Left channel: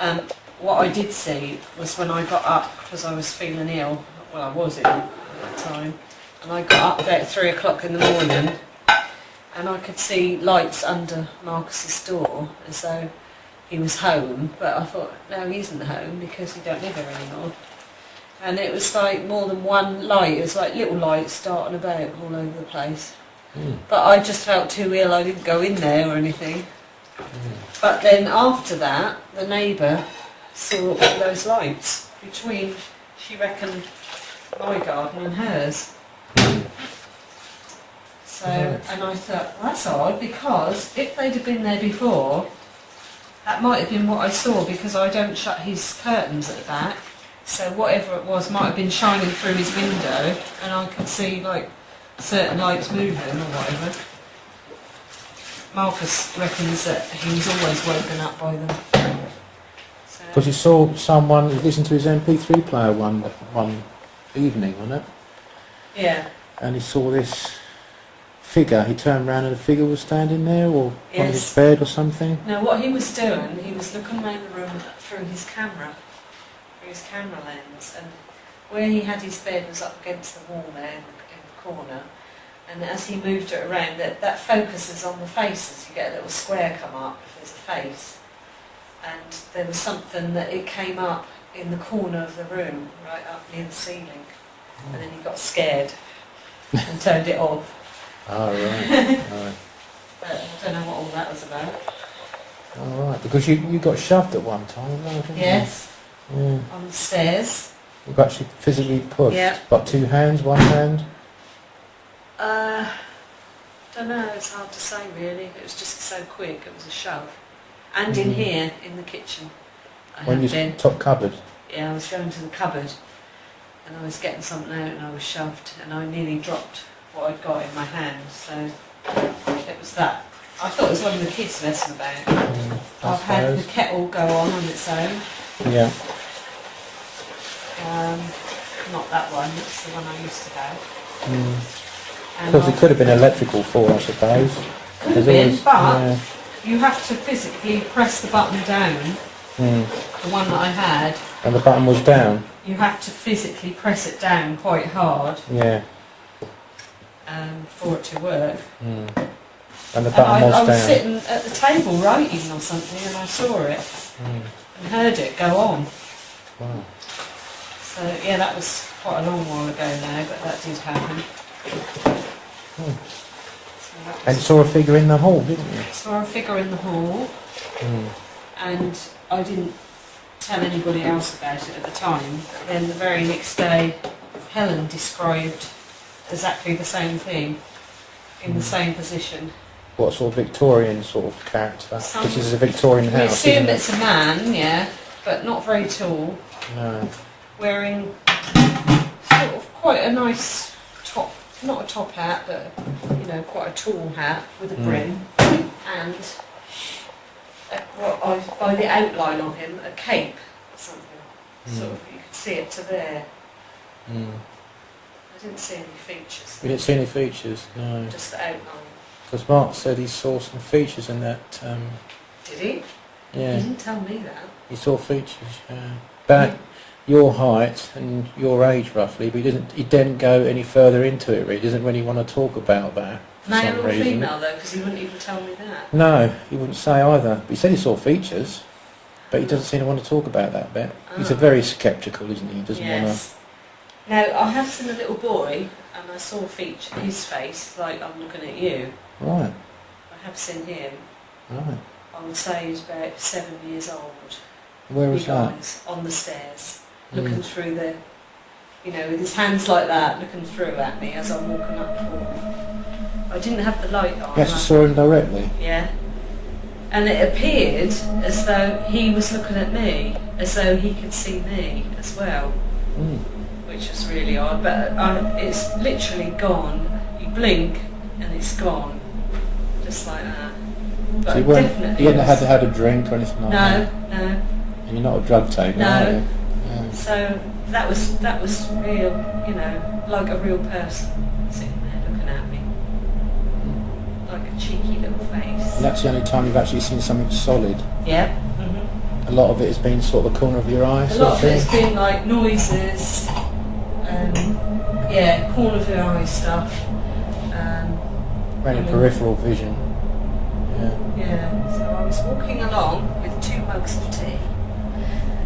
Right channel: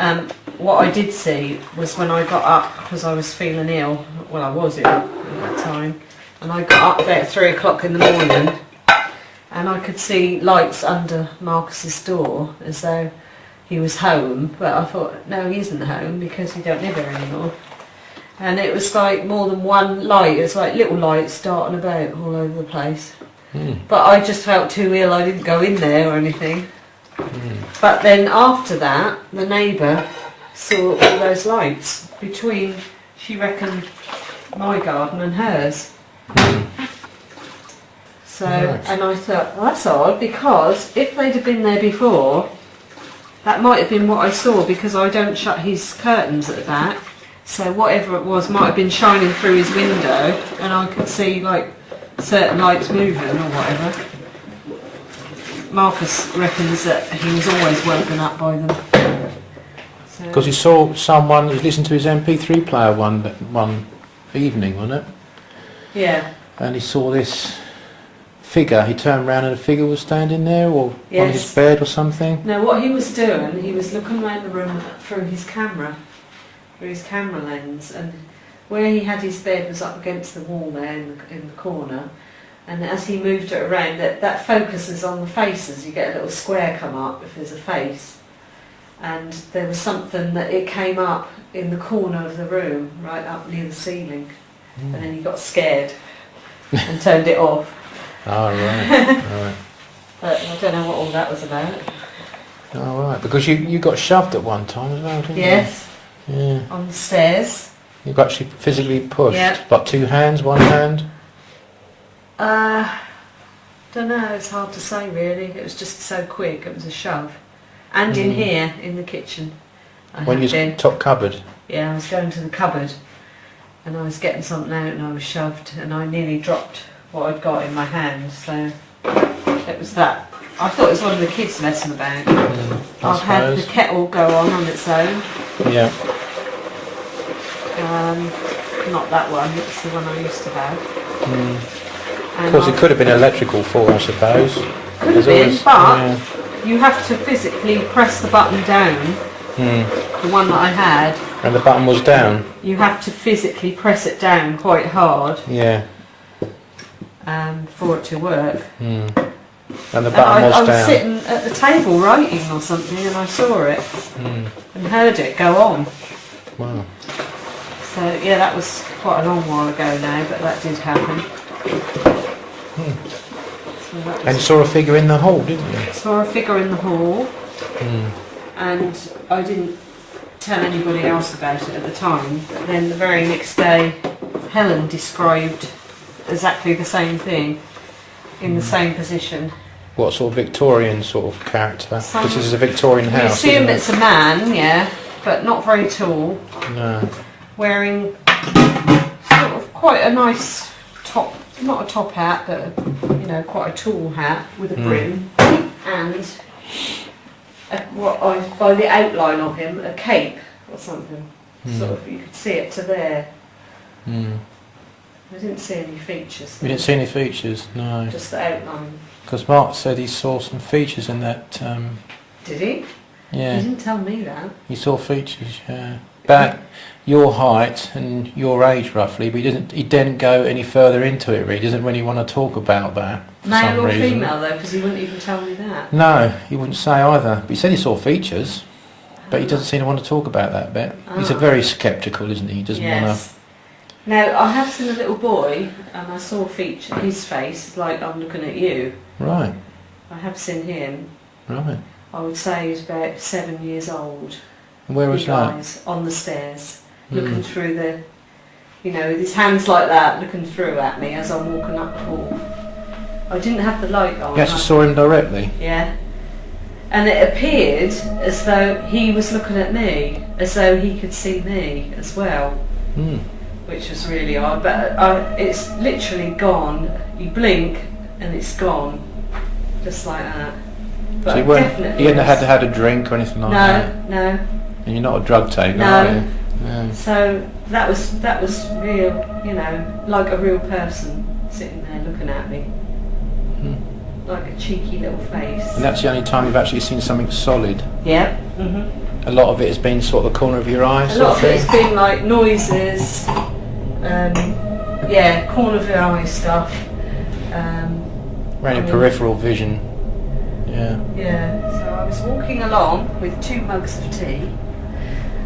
What I did see was when I got up, because I was feeling ill, well I was ill at that time, and I got up there at 3 o'clock in the morning and I could see lights under Marcus's door as though he was home, but I thought, no, he isn't home because he don't live here anymore. And it was like more than one light, it was like little lights darting about all over the place. But I just felt too ill, I didn't go in there or anything. But then after that, the neighbour saw all those lights between, she reckoned, my garden and hers. So, and I thought, well, that's odd, because if they'd have been there before, that might have been what I saw, because I don't shut his curtains at the back. So whatever it was might have been shining through his window, and I could see like certain lights moving or whatever. Marcus reckons that he was always woken up by them. Because he saw someone who was listening to his MP3 player one evening, wasn't it? Yeah. And he saw this figure. He turned around and a figure was standing there, or Yes. on his bed or something. No, what he was doing, he was looking around the room through his camera lens, and where he had his bed was up against the wall there in the corner. And as he moved it around, that focuses on the faces. You get a little square come up if there's a face. And there was something that it came up in the corner of the room, right up near the ceiling. And then he got scared and turned it off. Oh, right. But I don't know what all that was about. Oh, right. Because you got shoved at one time as well, didn't Yes, you? Yeah. on the stairs. You got actually physically pushed. Yeah. Like 2 hands, 1 hand. Don't know, it's hard to say really. It was just so quick, it was a shove. And in here, in the kitchen, I When had you been. was top cupboard. Yeah, I was going to the cupboard and I was getting something out and I was shoved and I nearly dropped what I'd got in my hand, so it was that. I thought it was one of the kids messing about. I've had the kettle go on its own. Yeah. Not that one, it's the one I used to have. And Because it could have been an electrical fault, I suppose. could have been, but you have to physically press the button down. The one that I had. And the button was down. You have to physically press it down quite hard. Yeah. For it to work. And the button I was down. sitting at the table writing or something and I saw it and heard it go on. Wow. So yeah, that was quite a long while ago now, but that did happen. So that And was, you saw a figure in the hall, didn't you? saw a figure in the hall and I didn't tell anybody else about it at the time. But then the very next day Helen described exactly the same thing in the same position. What sort of Victorian sort of character? Some- This is a Victorian We house. assume isn't it? it's a man, yeah, but not very tall, No. wearing sort of quite a nice top, not a top hat, but you know, quite a tall hat with a brim, and by the outline of him, a cape or something. Sort of, you could see it to there. I didn't see any features. You didn't see any features? No. Just the outline. Because Mark said he saw some features in that. Did he? Yeah. He didn't tell me that. He saw features. Yeah. About your height and your age roughly, but he didn't go any further into it. Really, he doesn't really want to talk about that. for some Male or reason. female though, because he wouldn't even tell me that. No, he wouldn't say either. But he said he saw features, but he doesn't seem to want to talk about that bit. He's a very sceptical, isn't he? He doesn't Yes. Now, I have seen a little boy, and I saw his face, like I'm looking at you. want to. Right, I have seen him. right. I would say he's about 7 years old. Where was Big that? eyes, on the stairs, looking through the, you know, with his hands like that, looking through at me as I'm walking up the hall. I didn't have the light on. You actually saw him directly? Yeah. And it appeared as though he was looking at me, as though he could see me as well. Which was really odd, but it's literally gone. You blink and it's gone, just like that. But So definitely. you hadn't was- had a drink or anything like that? No, no, And you're not a drug taker? No. Are you? No. So that was real, you know, like a real person sitting there looking at me, like a cheeky little face. And that's the only time you've actually seen something solid. Yeah. A lot of it has been sort of the corner of your eye. A lot of it has been like noises, corner of your eye stuff. Really peripheral vision. Yeah. Yeah, so I was walking along with 2 mugs of tea,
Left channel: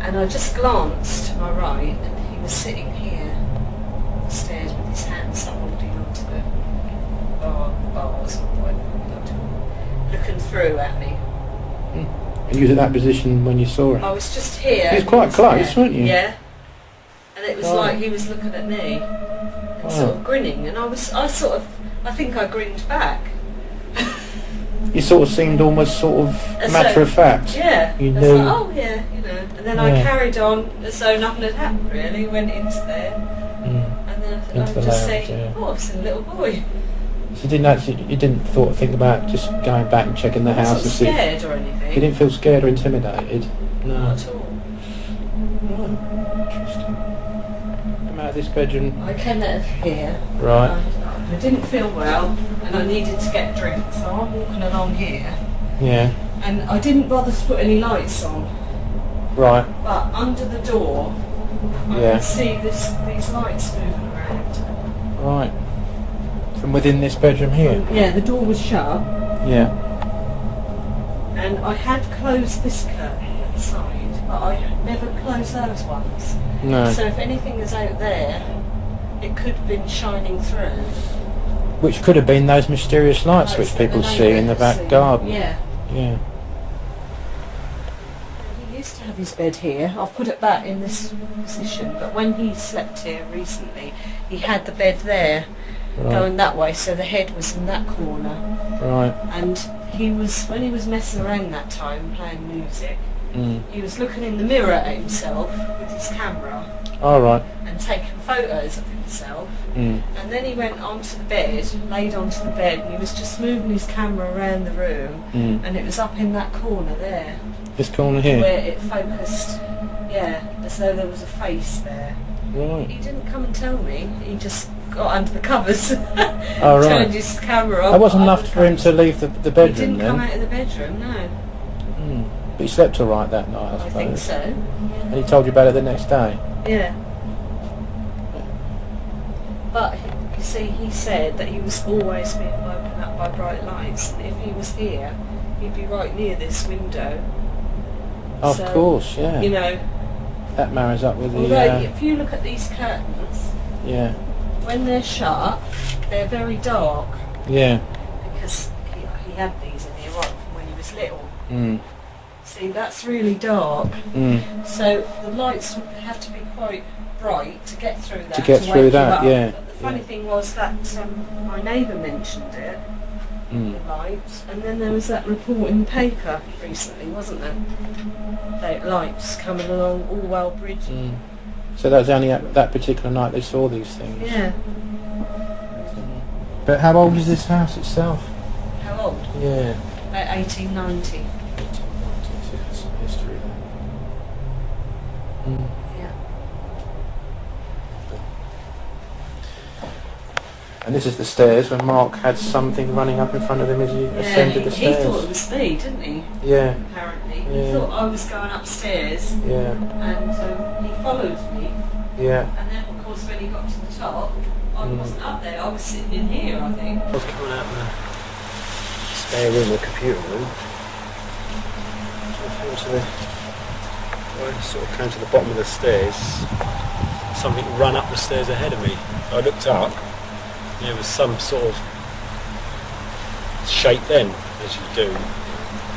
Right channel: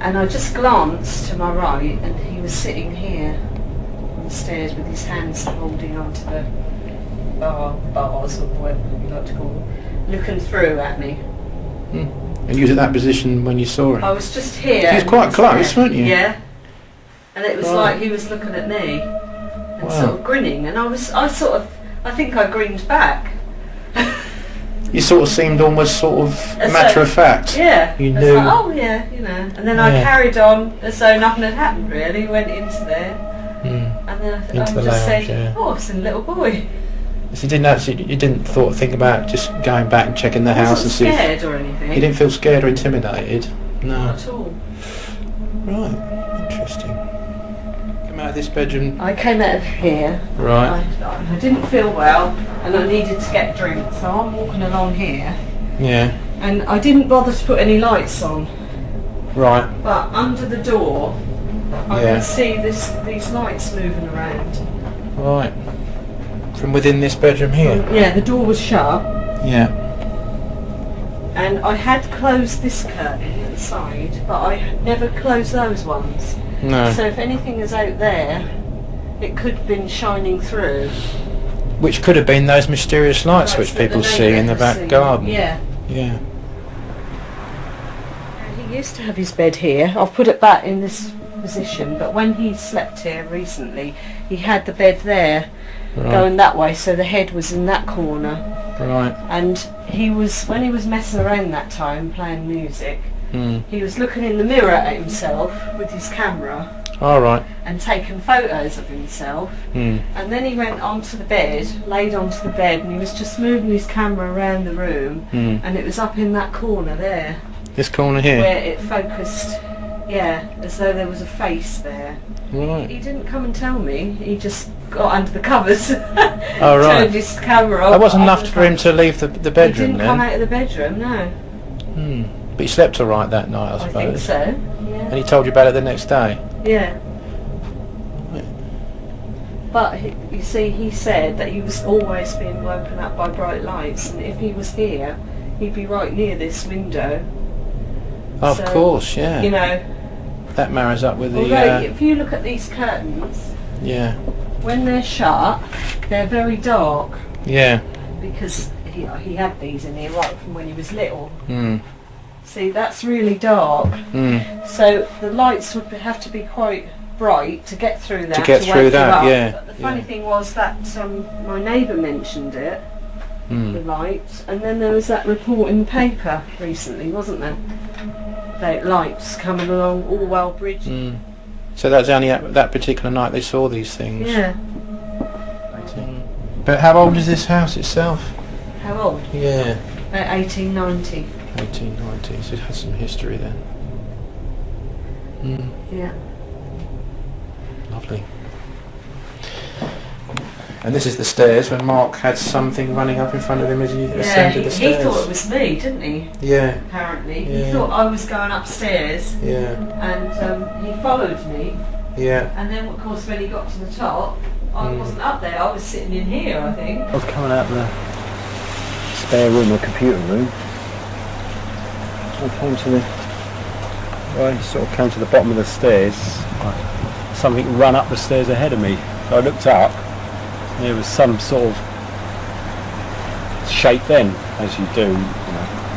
and I just glanced to my right, and he was sitting here on the stairs with his hands holding onto the bars, or whatever you like to call them, looking through at me. And you was at that position when you saw it? I was just here. It was and quite he was close, there. weren't you? Yeah. And it was like he was looking at me and sort of grinning, and I think I grinned back. You sort of seemed almost sort of As matter though- of fact. Yeah. You I was knew. like, oh yeah, you know. And then I Yeah. carried on as though nothing had happened really, went into there, and then I Into the just said, lounge, yeah. oh, it's a little boy. So you didn't think about just going back and checking the I house wasn't and see if- scared or You anything. didn't feel scared or intimidated? No. Not at all. Right. Interesting. Out of this bedroom. I came out of here. Right. I didn't feel well, and I needed to get a drink, so I'm walking along here. Yeah. And I didn't bother to put any lights on, Right. but under the door I Yeah. could see these lights moving around. Right. From within this bedroom here? Yeah, the door was shut, Yeah. and I had closed this curtain at the side, but I had never closed those ones. No. So if anything is out there, it could have been shining through. Which could have been those mysterious lights Lights which that people the see in neighbour the has back seen. garden. Yeah. Yeah. He used to have his bed here. I've put it back in this position, but when he slept here recently, he had the bed there, going that way, so the head was in that corner. Right. And when he was messing around that time, playing music, Mm. he was looking in the mirror at himself with his camera All right. and taking photos of himself. Mm. And then he went onto the bed, laid onto the bed, and he was just moving his camera around the room, Mm. and it was up in that corner there, This corner here. where it focused, as though there was a face there. Right. He didn't come and tell me, he just got under the covers, right. turned his camera off. That wasn't under enough the for him covers. to leave the bedroom. He didn't then? come out of the bedroom, no. Mm. But he slept all right that night, I I suppose. think so, And yeah. he told you about it the next day? Yeah. But you see, he said that he was always being woken up by bright lights, and if he was here, he'd be right near this window. Of So, course, yeah. You know, That marries up with although the... if you look at these curtains, yeah. when they're shut, they're very dark, Yeah. because he had these in here right from when he was little. Mm. See, that's really dark. Mm. So the lights would have to be quite bright to get through that, get to through wake you that, up. yeah. But the funny thing was that my neighbour mentioned it, the Mm. lights, and then there was that report in the paper recently, wasn't there? About lights coming along Orwell Bridge. Mm. So that was only at that particular night they saw these things? Yeah. But how old is this house itself? How old? Yeah. About 1890. 1890, so it has some history there. Mm. Yeah. Lovely. And this is the stairs when Mark had something running up in front of him as he Yeah, ascended the he stairs. thought it was me, didn't he? Yeah, Apparently. He Yeah. thought I was going upstairs, yeah, and he followed me. yeah. And then, of course, when he got to the top, I wasn't up there. I was sitting in here, I think. I was coming out of the spare room, the computer room. I came to the, well, I sort of came to the bottom of the stairs. Something ran up the stairs ahead of me. I looked up, and there was some sort of shape then, as you do. You know.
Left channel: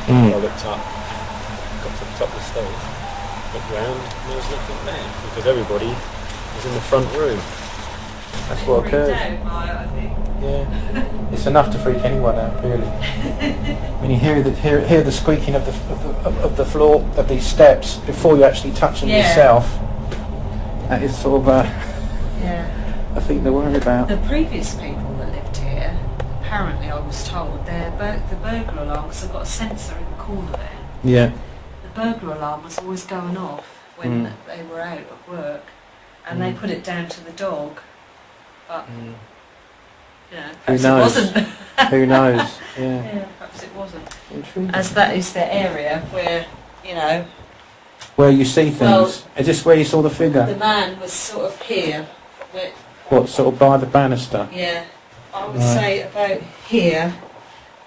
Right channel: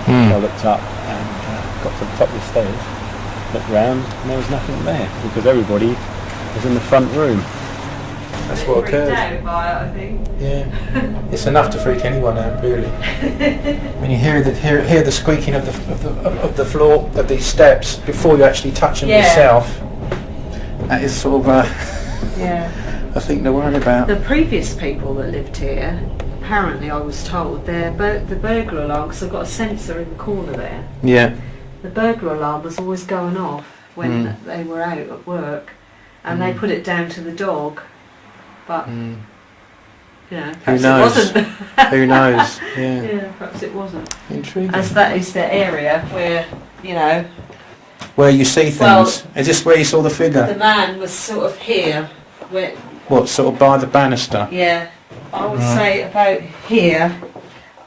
I looked up and got to the top of the stairs, looked round, and there was nothing there because everybody was in the front room. A bit what freaked occurs. out by it, I think. Yeah. It's enough to freak anyone out, really. When you hear the squeaking of the floor of these steps before you actually touch them Yeah. yourself, that is sort of Yeah. I think they're worried about. The previous people that lived here, apparently I was told, the burglar alarm, because I've got a sensor in the corner there, Yeah. the burglar alarm was always going off when Mm. they were out at work, and they put it down to the dog, but, Mm. you know, perhaps it knows? wasn't. Who knows? Yeah. Yeah, perhaps it wasn't. Intriguing. As that is the area where, you know, Where you see things. Well, Is this where you saw the figure? The man was sort of here, where, What, sort of by the banister? yeah, I would say about here.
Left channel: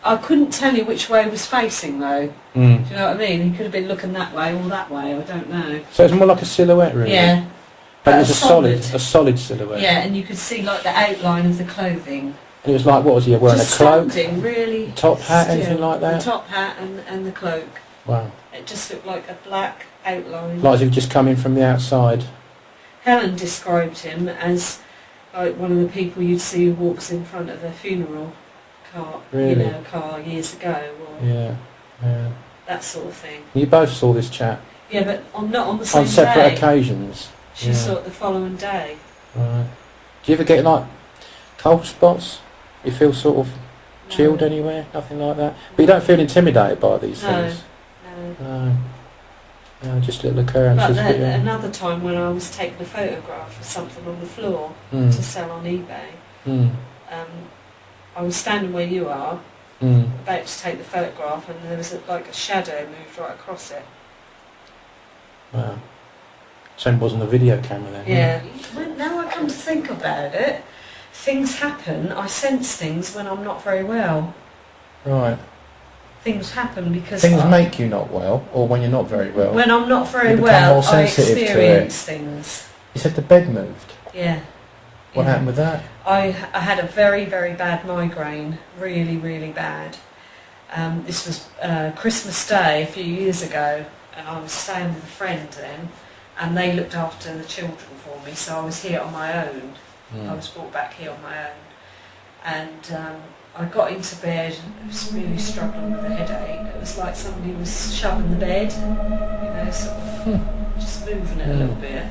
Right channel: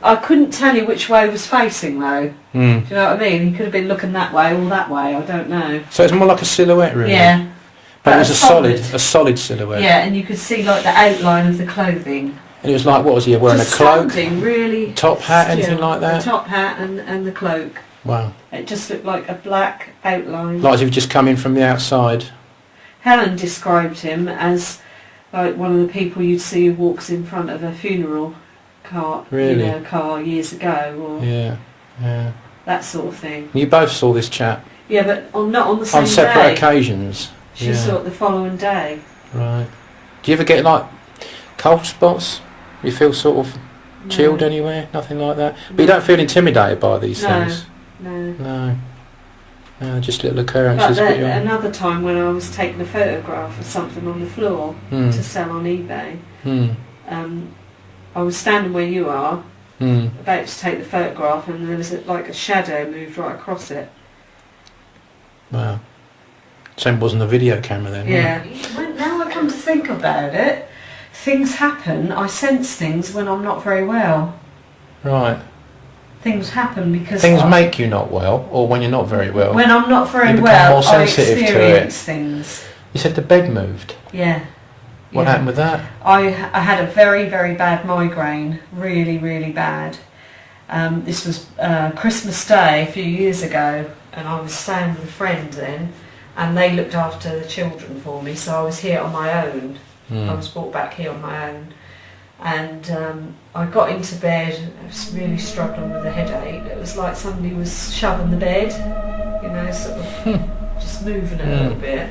I couldn't tell you which way he was facing though. Mm. Do you know what I mean? He could have been looking that way or that way, I don't know. So it's more like a silhouette, really? Yeah, But but it a was solid. a solid silhouette. Yeah, and you could see like the outline of the clothing. And it was like, what was he wearing? Just A cloak? standing, really. Top hat, still. anything like that? The top hat and the cloak. Wow. It just looked like a black outline. Like as if he just come in from the outside. Helen described him as like one of the people you'd see who walks in front of a funeral car, Really? car years ago, or Yeah. Yeah. that sort of thing. You both saw this chap Yeah, but not on the same on separate day. occasions. She Yeah. saw it the following day. Right. Do you ever get like cold spots? You feel sort of chilled No. anywhere? Nothing like that? But you don't feel intimidated by these No. things? No. No. No, just little occurrences. But that you- another time when I was taking a photograph of something on the floor Mm. to sell on eBay, Mm. I was standing where you are, Mm. about to take the photograph, and there was like a shadow moved right across it. Wow. So it wasn't a video camera then? Yeah. When, now I come to think about it, things happen. I sense things when I'm not very well. Right. Things happen because Things make you not well, or when you're not very well. when I'm not very You become well, more I sensitive to experience things. You said the bed moved. Yeah. What happened with that? I had a very, very bad migraine, really, really bad. This was Christmas Day a few years ago, and I was staying with a friend then, and they looked after the children for me, so I was here on my own. Mm. I was brought back here on my own, and I got into bed. I was really struggling with a headache. It was like somebody was shoving the bed, you know, sort of just moving it a little bit.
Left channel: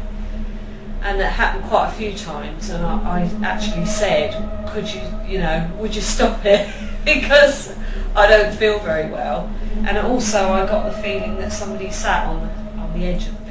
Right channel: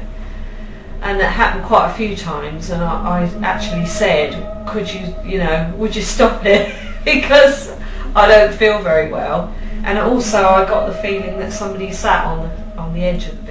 And it happened quite a few times, and I actually said, could would you stop it? Because I don't feel very well. And also I got the feeling that somebody sat on the edge of